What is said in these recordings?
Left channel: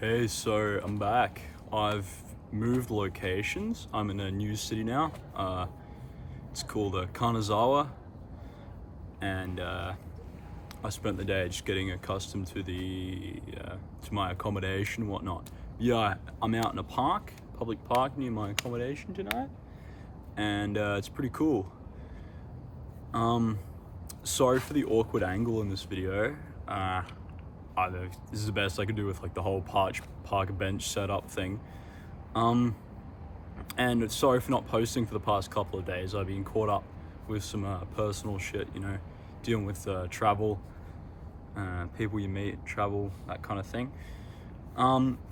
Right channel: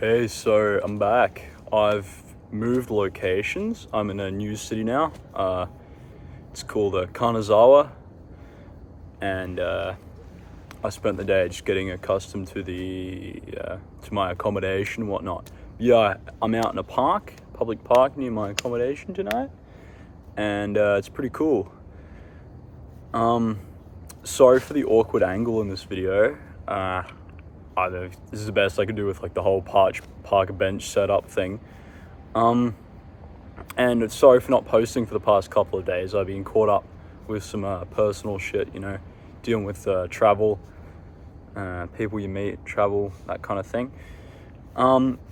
Hey, so I'm back. I've moved locations. I'm in a new city now. It's called Kanazawa, and I spent the day just getting accustomed to to my accommodation and whatnot. Yeah, I'm out in a public park near my accommodation tonight, and it's pretty cool. Sorry for the awkward angle in this video. This is the best I could do with like the whole park bench setup thing. And sorry for not posting for the past couple of days. I've been caught up with some personal shit, dealing with travel, people you meet, travel, that kind of thing.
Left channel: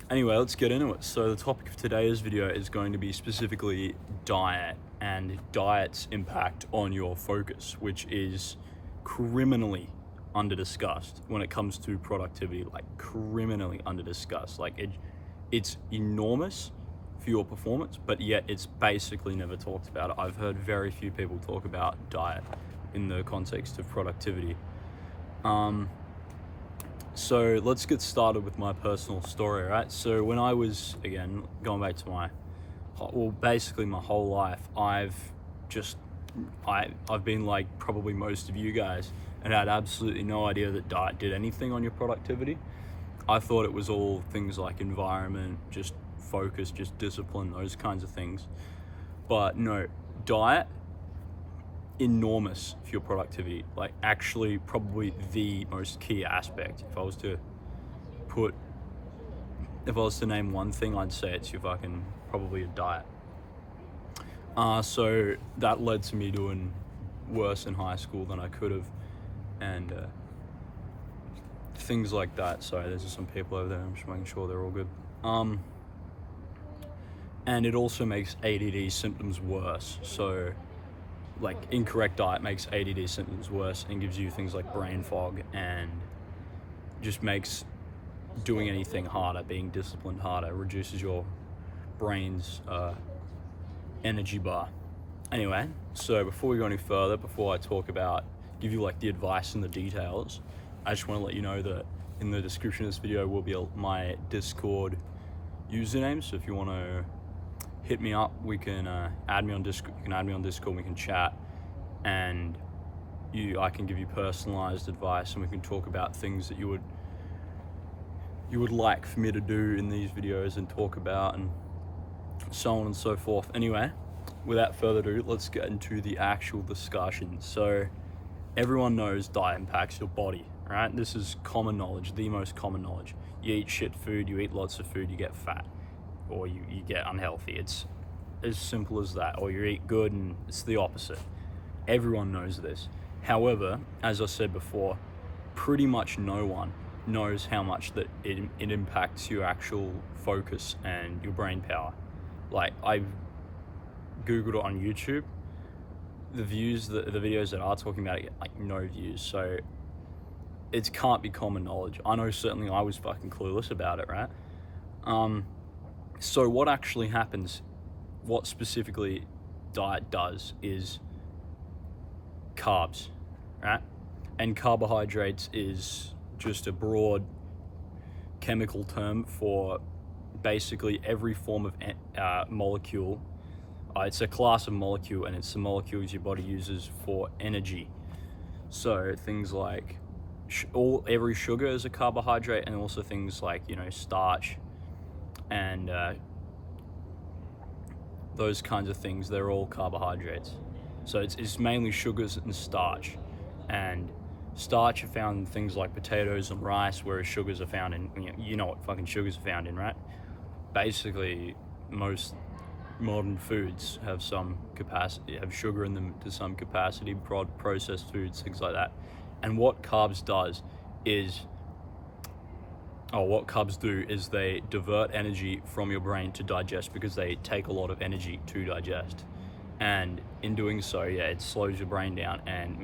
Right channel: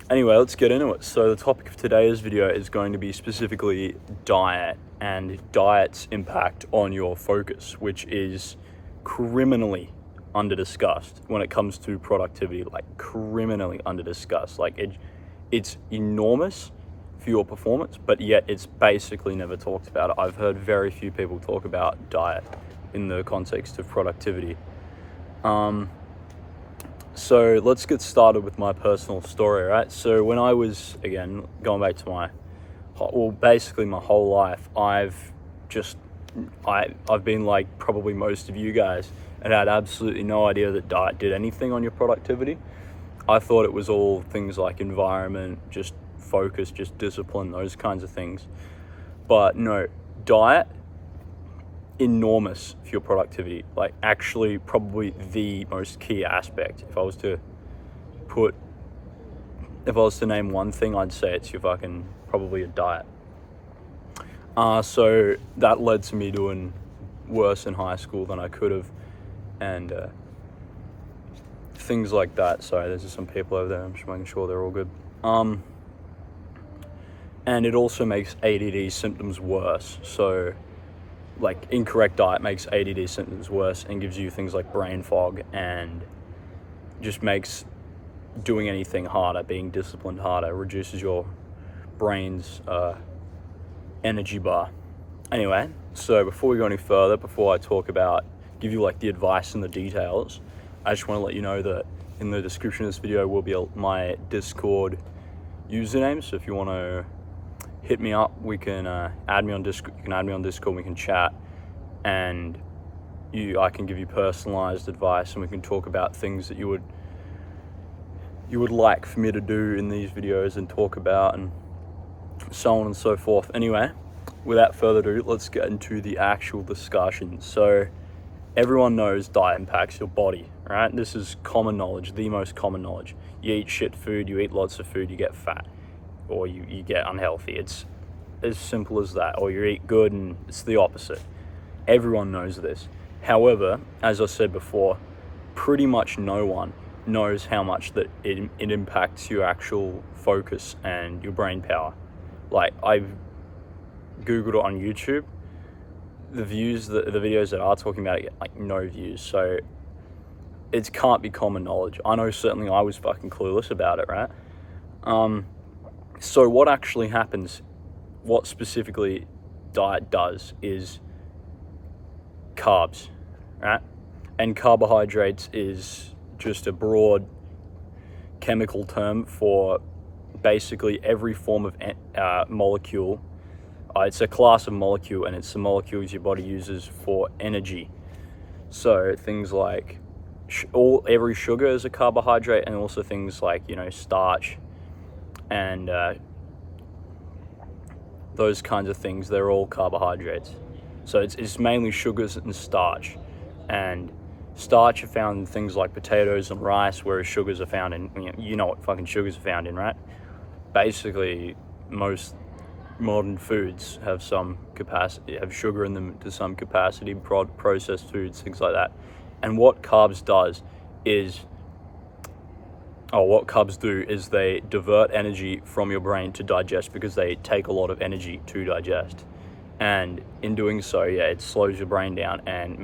Anyway, let's get into it. So the topic of today's video is going to be specifically diet and diet's impact on your focus, which is criminally under-discussed when it comes to productivity, like criminally under-discussed. It's enormous for your performance, but yet it's basically never talked about. I've heard very few people talk about diet in the context of productivity. So let's get started with my personal story, right? So when I was, again, going back to basically my whole life, I've been like probably most of you guys and had absolutely no idea that diet did anything on your productivity. I thought it was all things like environment, just focus, just discipline, those kinds of things. But no, diet, enormous for your productivity. Like actually probably the most key aspect. If I was to name one thing, I'd say it's probably a diet. So that led to me doing worse in high school than I could have, and things like that. Sorry, there's just some people over there. I'm just making sure they're all good. And it also makes ADD symptoms worse. So, like, incorrect diet makes ADD symptoms worse and gives you things like brain fog, and just makes doing anything harder, being disciplined harder, reduces your brain's energy bar. Anyway, so before we go any further, before I give you like the advice and the details, I just want to let you know that in the description of this video will be my Discord username. So if you want to hit me up, we can add me on Discord. You can add me on Discord. We can chat, and I can give you personalized advice, and we can talk about things that you would like for me to do in these videos and talk about, and so on and so forth. Anyway, without further ado, let's get into the actual discussion. So everyone knows diet impacts your body, right? This is common knowledge, the most common knowledge. You eat shit food, you eat lots of food, you get fat, or you get unhealthy. It's as simple as that. Or you eat good and it's the opposite. Everyone knows this. However, as I said before, pretty much no one knows how much that it impacts your actual focus and your brain power. Like, I've Googled it on YouTube. The videos that are talking about it get like no views. So it can't be common knowledge. I know certainly I was fucking clueless about it, right? So what actually happens, what specifically diet does is carbs, right? And carbohydrates is just a broad chemical term for basically every form of molecule. It's a class of molecule, and it's the molecules your body uses for energy. So things like every sugar is a carbohydrate, and also things like starch and those kinds of things. They're all carbohydrates. So it's mainly sugars and starch, and starch are found in things like potatoes and rice, whereas sugars are found in what fucking sugars are found in, right? Basically, most modern foods have some capacity, have sugar in them to some capacity. Processed foods, things like that. And what carbs do is they divert energy from your brain to digest, because they take a lot of energy to digest. And in doing so, it slows your brain down and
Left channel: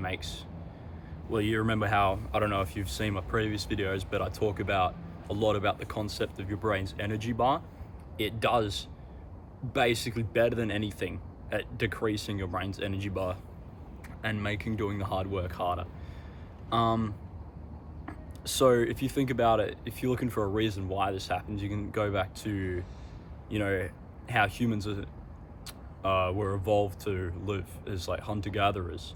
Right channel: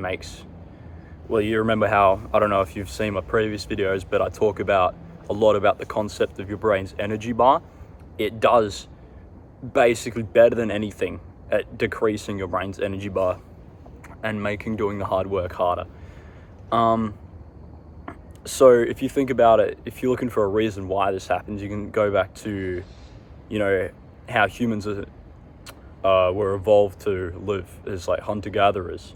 you remember how, I don't know if you've seen my previous videos, but I talk a lot about the concept of your brain's energy bar. It does basically better than anything at decreasing your brain's energy bar and making doing the hard work harder. So if you think about it, if you're looking for a reason why this happens, you can go back to, how humans were evolved to live as like hunter-gatherers.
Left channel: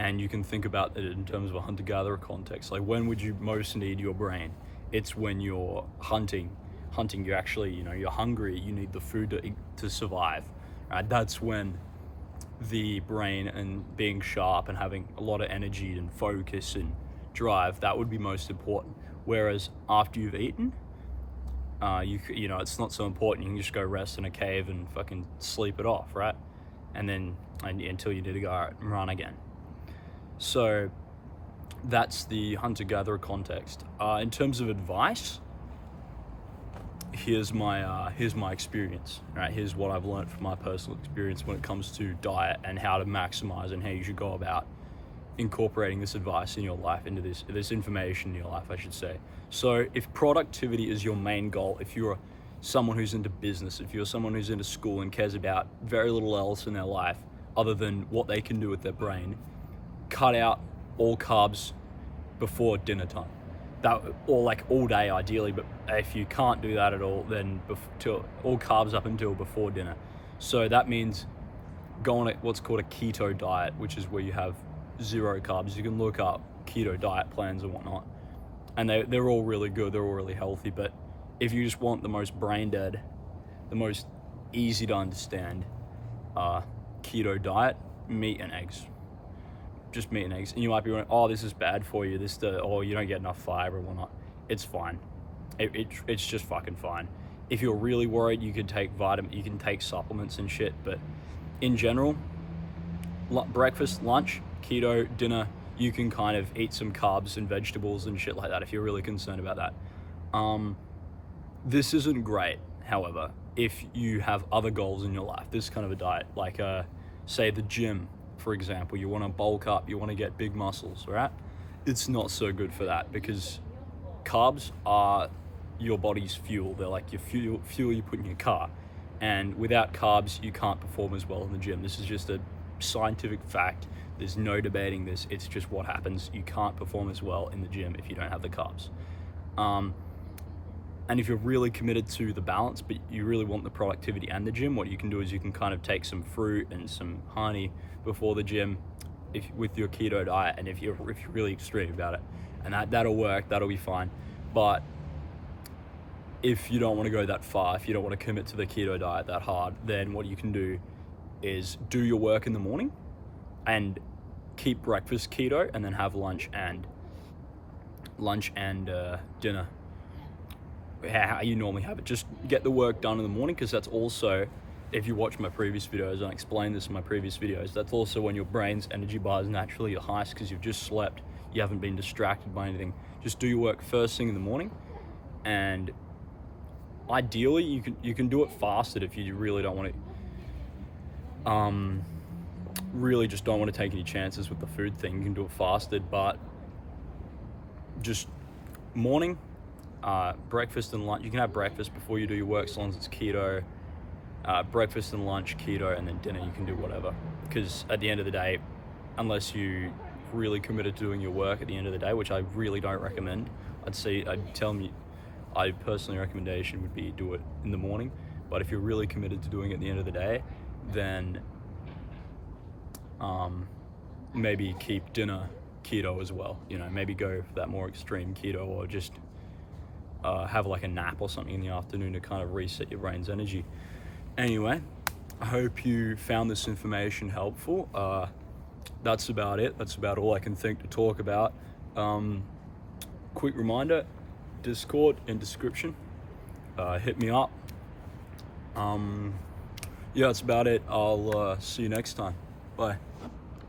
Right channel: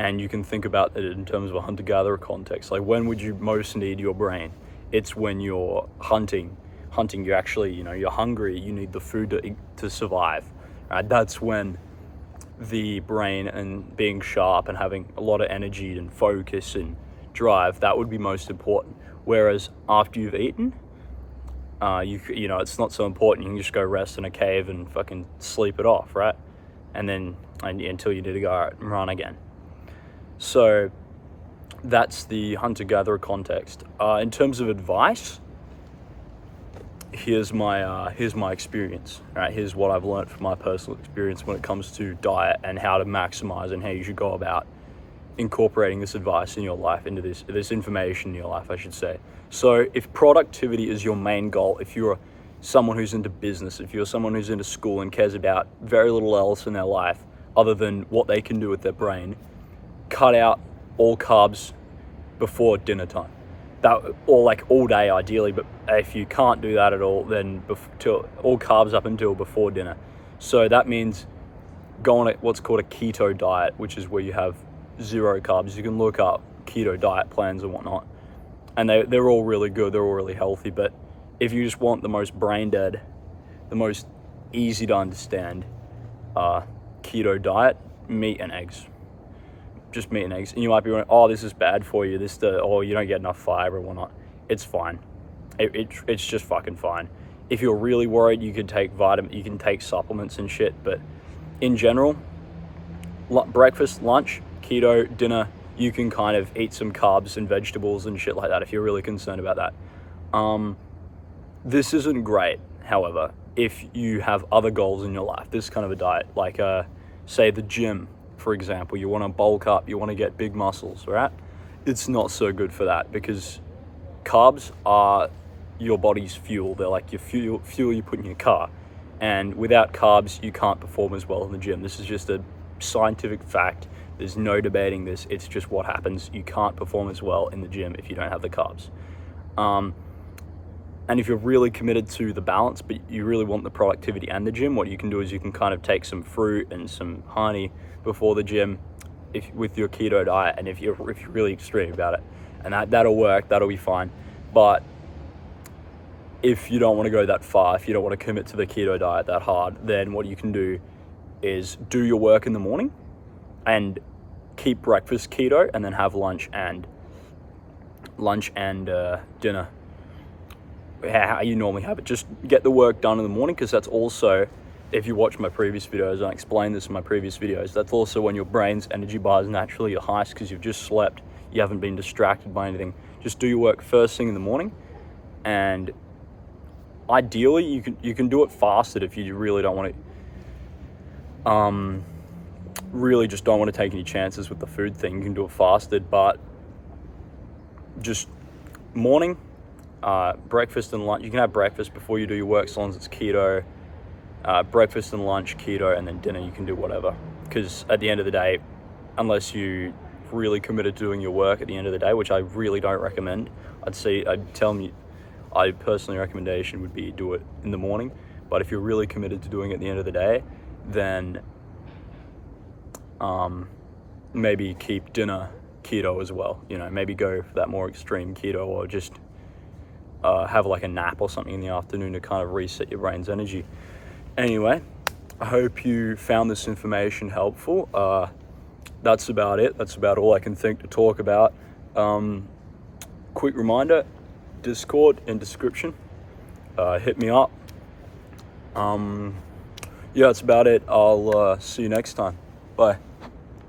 And you can think about it in terms of a hunter-gatherer context. Like, when would you most need your brain? It's when you're hunting. You actually, you're hungry. You need the food to survive. Right? That's when the brain and being sharp and having a lot of energy and focus and drive, that would be most important. Whereas after you've eaten, it's not so important. You can just go rest in a cave and fucking sleep it off, right? And then until you need to go out and run again. So that's the hunter-gatherer context. In terms of advice, here's my experience. Right, here's what I've learned from my personal experience when it comes to diet and how to maximize and how you should go about incorporating this advice in your life, into this information in your life, I should say. So if productivity is your main goal, if you're someone who's into business, if you're someone who's into school and cares about very little else in their life other than what they can do with their brain, cut out all carbs before dinner time. Or like all day ideally, but if you can't do that at all, then all carbs up until before dinner. So that means go on what's called a keto diet, which is where you have 0 carbs. You can look up keto diet plans and whatnot, and they're all really good, they're all really healthy. But if you just want the most brain dead, the most easy to understand keto diet, meat and eggs. Just meat and eggs. And you might be wondering, oh, this is bad for you, you don't get enough fiber and whatnot. It's fine. It's just fucking fine. If you're really worried, you can take supplements and shit, but in general, breakfast, lunch, keto, dinner, you can kind of eat some carbs and vegetables and shit like that if you're really concerned about that. This isn't great, however, if you have other goals in your life. This kind of a diet, like say the gym, for example, you want to bulk up, you want to get big muscles, right? It's not so good for that, because carbs are your body's fuel. They're like your fuel you put in your car. And without carbs, you can't perform as well in the gym. This is just a scientific fact. There's no debating this. It's just what happens. You can't perform as well in the gym if you don't have the carbs. And if you're really committed to the balance, but you really want the productivity and the gym, what you can do is you can kind of take some fruit and some honey before the gym with your keto diet, and if you're really extreme about it, and that'll work, that'll be fine. But if you don't want to go that far, if you don't want to commit to the keto diet that hard, then what you can do is do your work in the morning and keep breakfast keto, and then have lunch and dinner how you normally have it. Just get the work done in the morning, because that's also, if you watch my previous videos, and I explain this in my previous videos, that's also when your brain's energy bar is naturally your highest, because you've just slept, you haven't been distracted by anything. Just do your work first thing in the morning, and ideally you can do it fasted if you really don't want to really just don't want to take any chances with the food thing. You can do it fasted, but just morning, breakfast and lunch. You can have breakfast before you do your work, as long as it's keto. Breakfast and lunch keto, and then dinner you can do whatever, because at the end of the day, unless you really committed to doing your work at the end of the day, which I really don't recommend, I personally recommendation would be do it in the morning. But if you're really committed to doing it at the end of the day, then maybe keep dinner keto as well. Maybe go for that more extreme keto, or just have like a nap or something in the afternoon to kind of reset your brain's energy. Anyway, I hope you found this information helpful. That's about it. That's about all I can think to talk about. Quick reminder, Discord in description. Hit me up. Yeah, that's about it. I'll see you next time. Bye.